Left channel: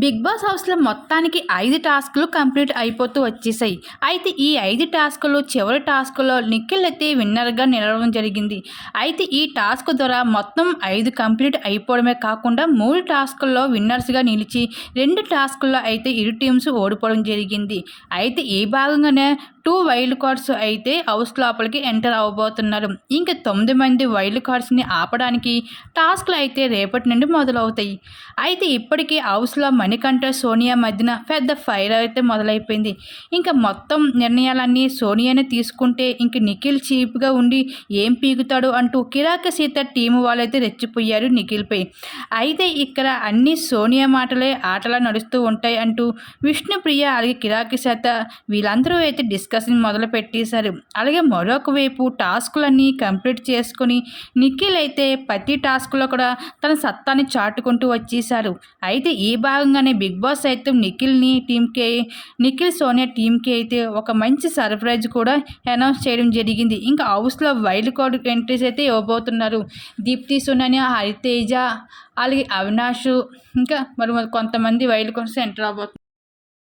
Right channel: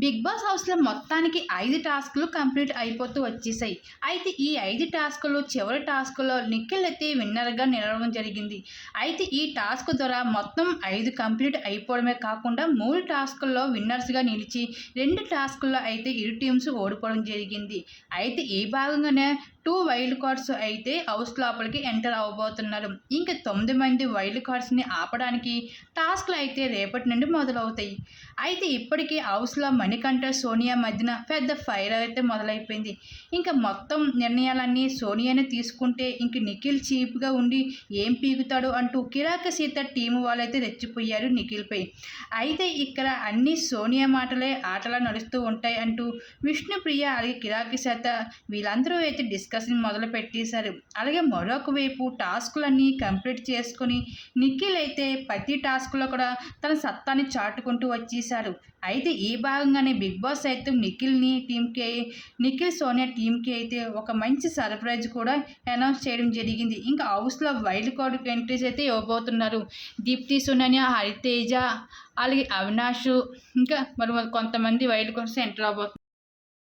Big boss హౌస్లో మొత్తానికి ఐదు టాస్కులు కంప్లీట్ అయిపోతూ వచ్చేసాయి అయితే ఈ ఐదు టాస్కులు చివరి టాస్కులో నిఖిల్ అయితే విన్నర్గా నిలవడం జరిగింది. అయితే ఈ టాస్క్ ద్వారా మొత్తం ఐదు కంప్లీట్ అయిపోవడమే కాకుండా మూడు టాస్కుల్లో విన్నర్స్గా నిలిచి రెండు టాస్కుల్లో అయితే ఇరు టీమ్స్ ఓడిపోవడం జరిగింది. అయితే ఈ భాగంగానే టూ వైల్డ్ కార్డ్స్ అయితే హౌస్ లోపలికి ఎంటర్ అవ్వబోతున్నారు. ఇంకా తొమ్మిది మంది వైల్డ్ కార్డ్స్ని ఆపడానికి టాస్క్లు అయితే రేపటి నుండి మొదలవుతాయి. అయితే ఇప్పటికీ హౌస్లో మణికంఠ సోనియా మధ్యన పెద్ద ఫైర్ అయితే మొదలైపోయింది. ఇంకా మొత్తం నిర్ణయాలన్నీ సోనియానే తీసుకుంటే ఇంక నిఖిల్ చీప్గా ఉండి ఏం పీగుతాడు అంటూ కిరాక సీత టీము వాళ్ళైతే రెచ్చిపోయారు నిఖిల్పై అయితే ఇక్కడ అన్ని సోనియా మాటలే ఆటలా నడుస్తూ ఉంటాయి అంటూ విష్ణుప్రియ అలాగే కిరాకి సీత వీళ్ళందరూ అయితే డిస్కస్ డిస్కషన్ మొదలు పెట్టేశారు అలాగే మరొక వైపు టాస్కులన్నీ కంప్లీట్ చేసుకొని నిఖిల్ అయితే ప్రతి టాస్క్లో కూడా తన సత్తాని చాటుకుంటూ వచ్చేశారు. అయితే ఈ భాగంగానే బిగ్ బాస్ అయితే నిఖిల్ని టీంకి నిఖిల్ సోనియా టీంకి అయితే ఒక మంచి సర్ప్రైజ్ కూడా అనౌన్స్ చేయడం జరిగింది. ఇంకా హౌస్లో వైల్డ్ కార్డ్ ఎంట్రీస్ అయితే ఇవ్వబోతున్నారు. దీప్తి సోనియా హరితేజ అలాగే అవినాష్ ఇంకా మరి మరి కొంతమంది వైల్డ్ కార్డ్స్ ఎంటర్ అవబోతున్నారు